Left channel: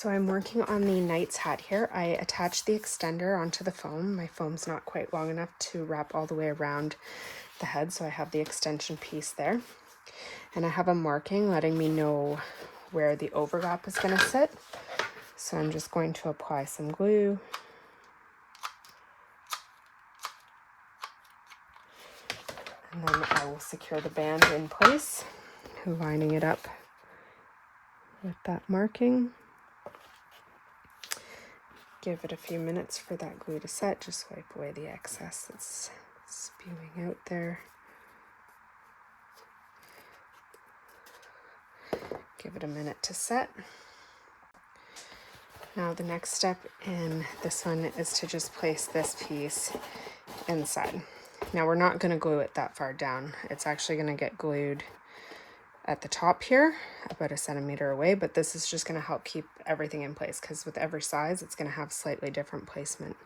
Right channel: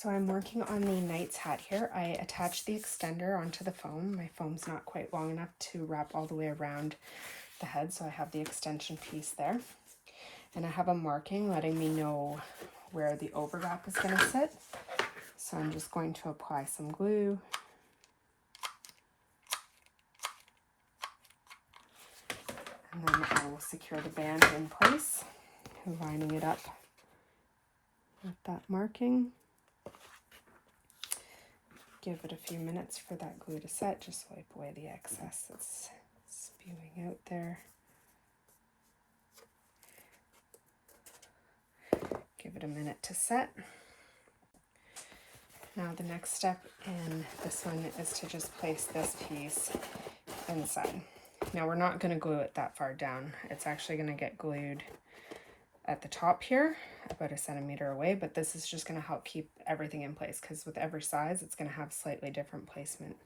So I'm working on the knight's hat here. I attached the extender onto the foam. My foam's not quite long enough to wrap all the way around the head, so I have the extension piece there. And I have a marking letting me know where the overlap is going to sit. So I'm just going to apply some glue. And then I will secure the band in place, lining it up with that marking. Give it a few minutes for that glue to set. Just wipe away the excess that's spewing out there. Give it a minute to set. Now the next step in this one is to just place this piece inside. Now we're not going to glue it that far down. It's actually going to get glued at the top here, about 1 centimeter away, but this is just going to help keep everything in place because with every size it's going to have slightly different placement.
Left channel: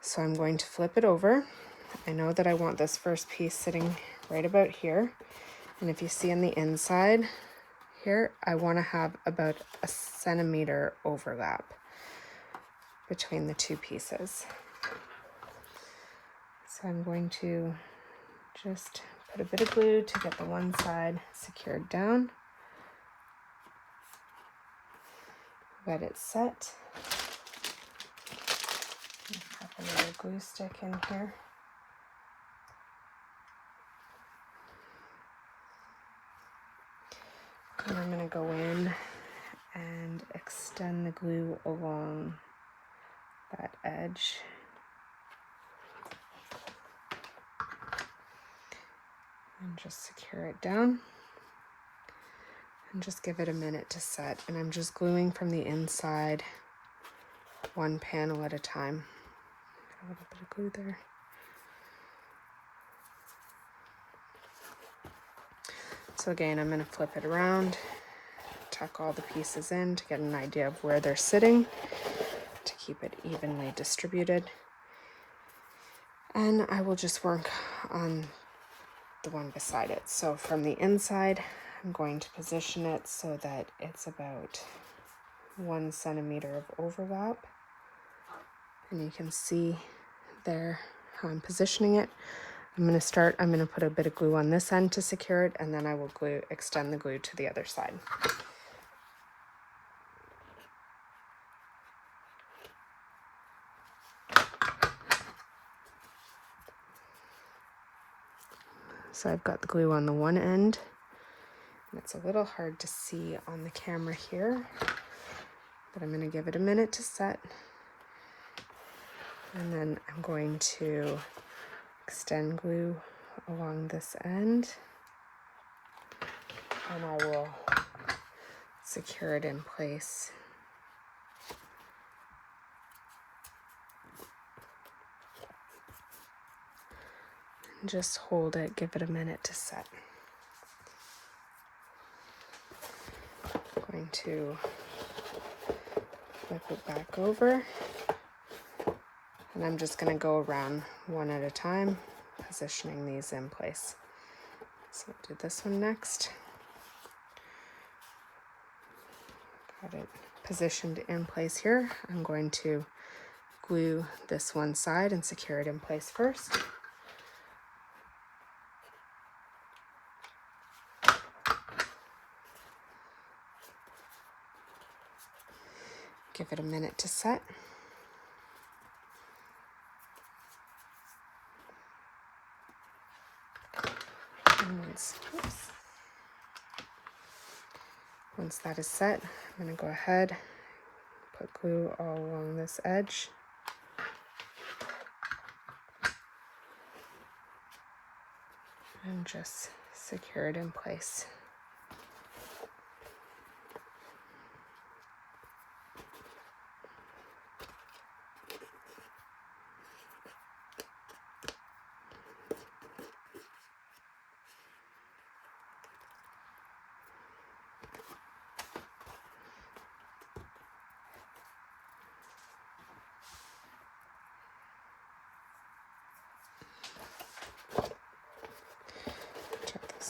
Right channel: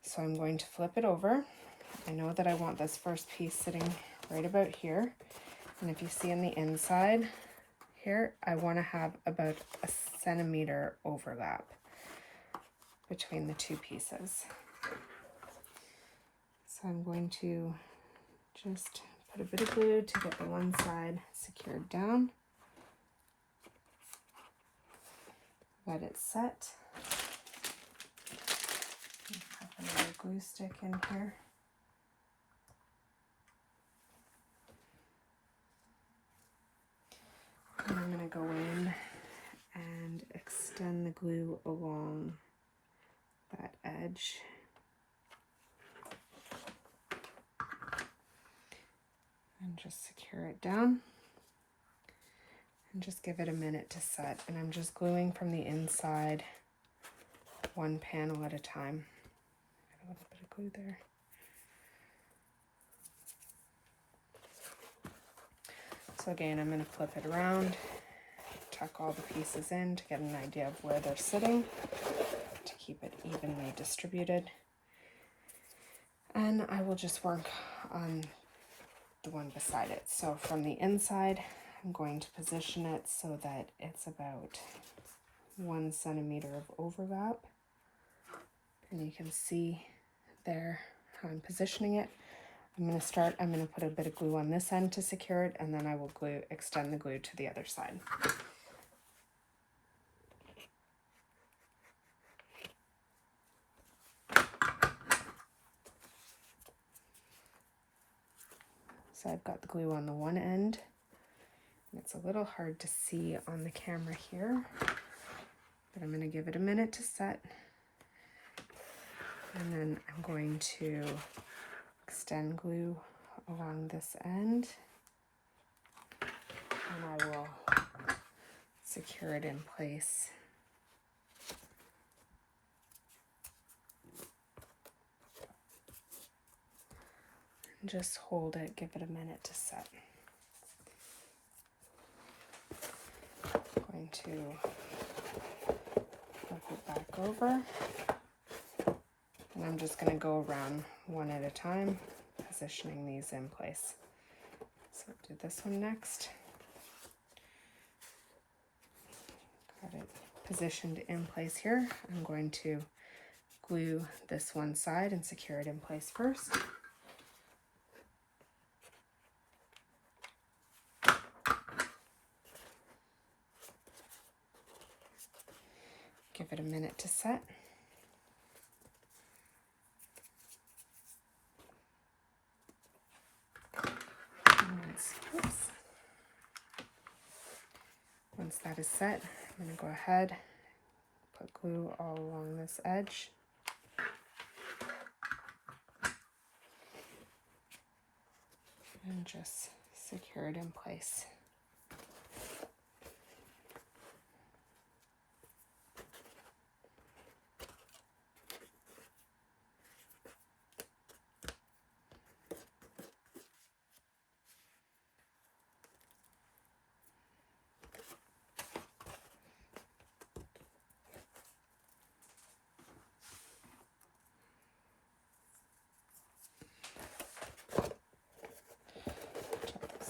So I'm going to flip it over. I know that I want this first piece sitting right about here, and if you see on the inside here, I want to have about 1 centimeter overlap between the two pieces. So I'm going to just put a bit of glue to get the one side secured down. Let it set. Pop another glue stick in here. And I'm going to go in and extend the glue along that edge. And just secure it down. And just give it a minute to set. And I'm just gluing from the inside, one panel at a time. A little bit of glue there. So again, I'm going to flip it around, tuck all the pieces in to get an idea of where they're sitting, to keep it evenly distributed. And I will just work on the one beside it. So from the inside, I'm going to position it so that it's about 1 centimeter of overlap. And you can see there how I'm positioning it. I'm going to put a bit of glue on this end to secure it, and then I will extend the glue to the other side. So I've got the glue on the one end. It's a little hard to see on the camera here, but I'm going to give it a minute to set. And then I'm going to extend glue along this end, and I will secure it in place. Just hold it, give it a minute to set. I'm going to flip it back over, and I'm just going to go around one at a time, positioning these in place. So I'll do this one next. Got it positioned in place here. I'm going to glue this one side and secure it in place first. Give it a minute to set. Once that is set, I'm going to go ahead, put glue all along this edge. And just secure it in place.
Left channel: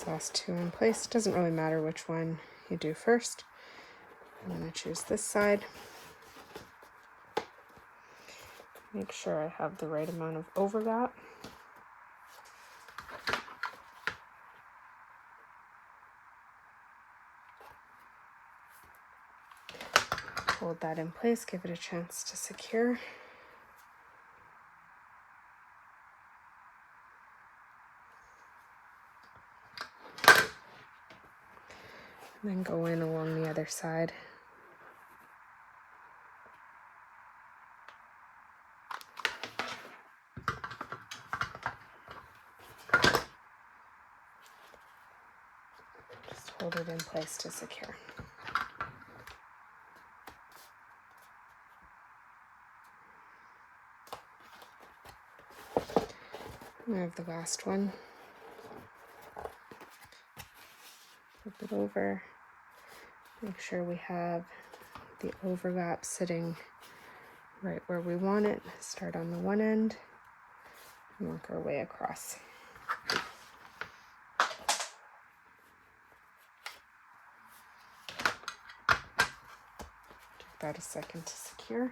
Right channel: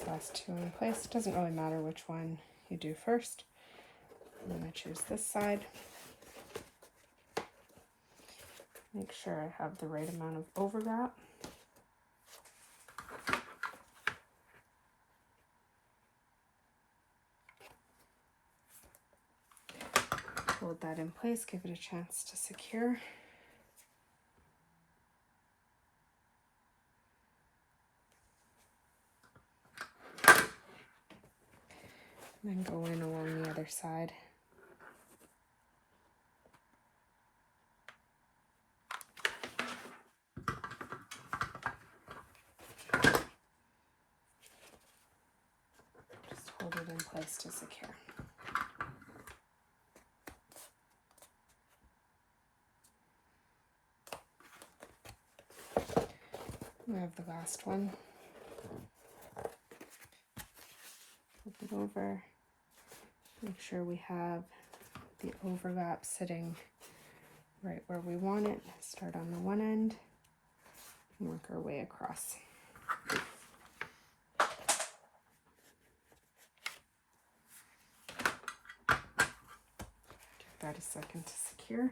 Last two in place. Doesn't really matter which one you do first. I'm going to choose this side. Make sure I have the right amount of overlap. Hold that in place, give it a chance to secure. And then go in along the other side. Just hold it in place to secure. Move the last one. Flip it over. Make sure we have the overlap sitting right where we want it. Start on the one end and work our way across. Give that a second to secure.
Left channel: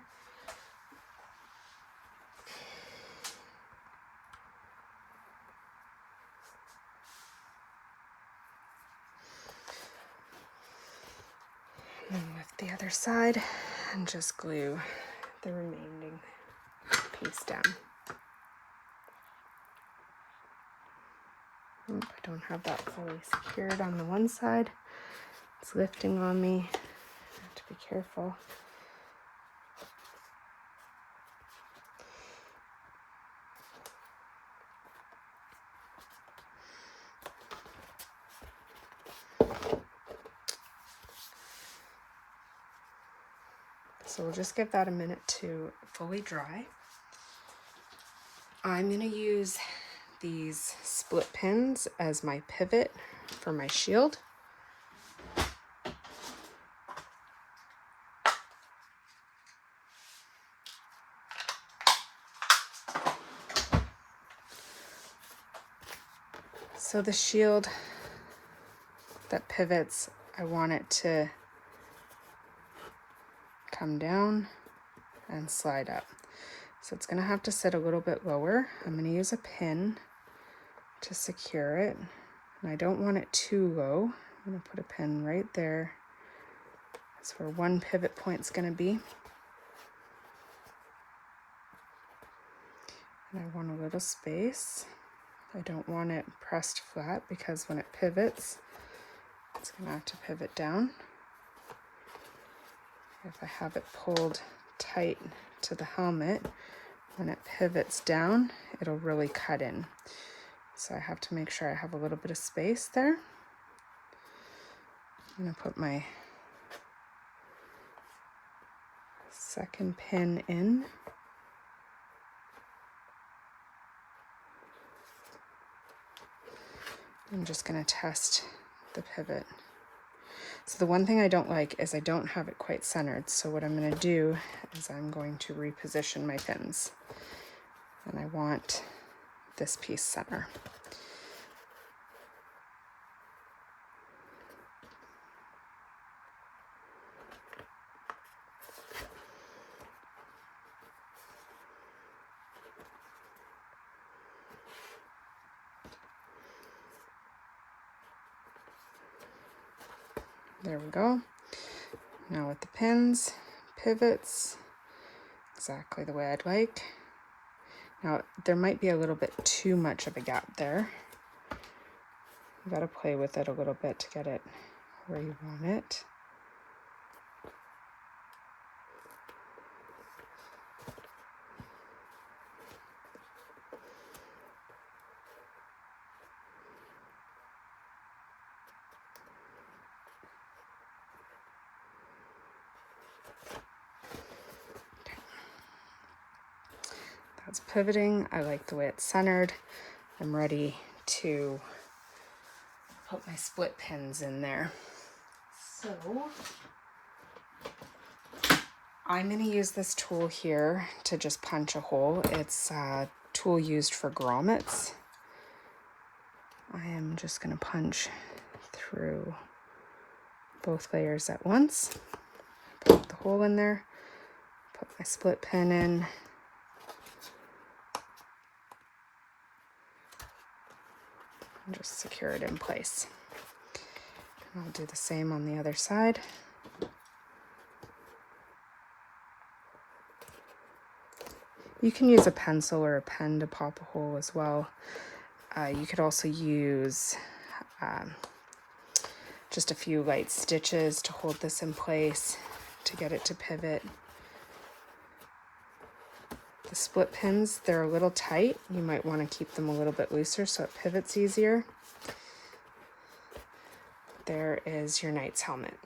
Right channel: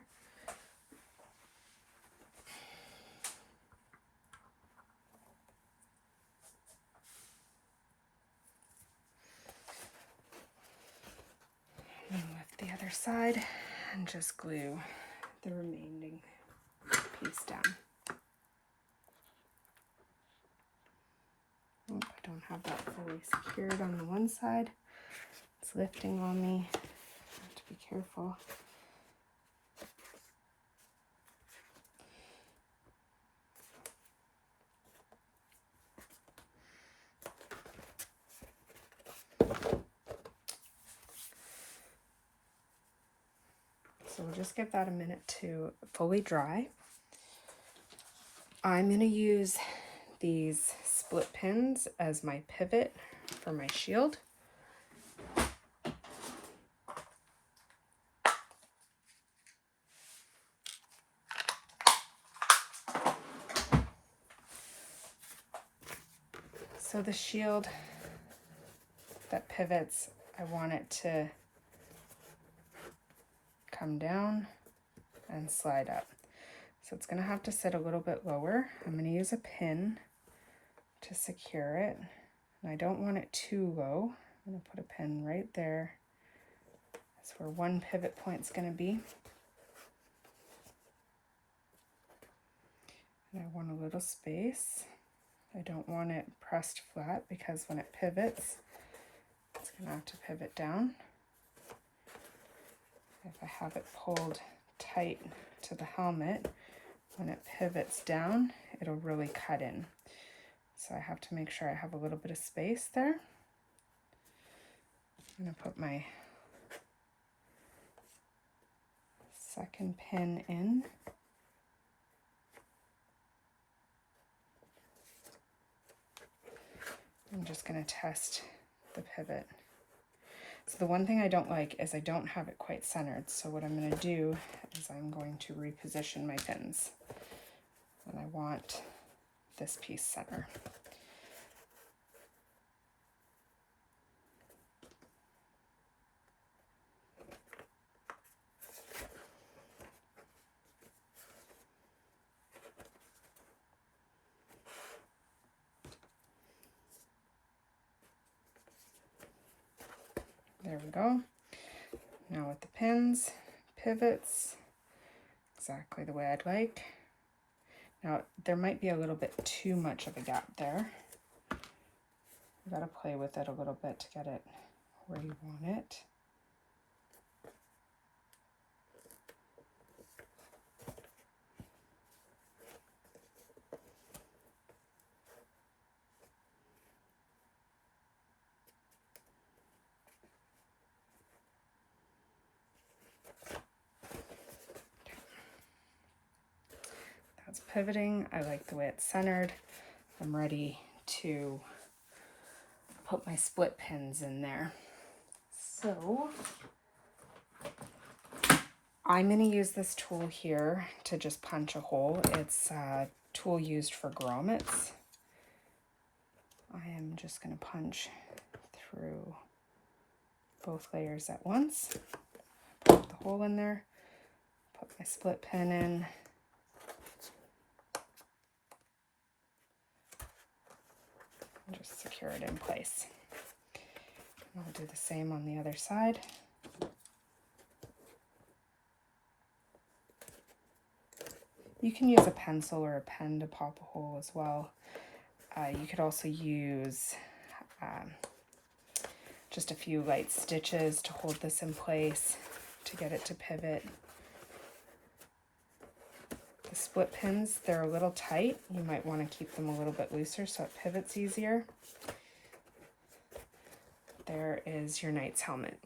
And lift the other side and just glue the remaining piece down. Oop, I don't have that fully secured on the one side. It's lifting on me. I have to be careful. So we'll just give that a minute to fully dry. I'm going to use these split pins as my pivot for my shield. So the shield that pivots, I want it to come down and slide up. So it's going to have to sit a little bit lower. I'm going to use a pin to secure it. And I don't want it too low. I'm going to put a pin right there. That's where one pivot point is going to be. And I want a little space. I don't want it pressed flat because when it pivots, it's going to have to pivot down. If I have it pulled tight to the helmet, when it pivots down, it'll really cut in. So I have to make sure I have a little bit of space there. I'm going to put my second pin in. I'm just going to test the pivot. So the one thing I don't like is I don't have it quite centered. So what I'm going to do is I'm going to reposition my pins. And I want this piece center. There we go. Now with the pins, pivots, exactly the way I'd like. Now there might be a little bit too much of a gap there. You gotta play with it a little bit to get it where you want it. That's pivoting. I like the way it's centered. I'm ready to put my split pins in there. So I'm going to use this tool here to just punch a hole. It's a tool used for grommets. I am just going to punch through both layers at once. hole in there. Put my split pin in. And just secure it in place. And I'll do the same on the other side. You can use a pencil or a pen to pop a hole as well. You could also use just a few light stitches to hold this in place, to get it to pivot. The split pins, they're a little tight. You might want to keep them a little bit looser so it pivots easier. There is your knight's helmet.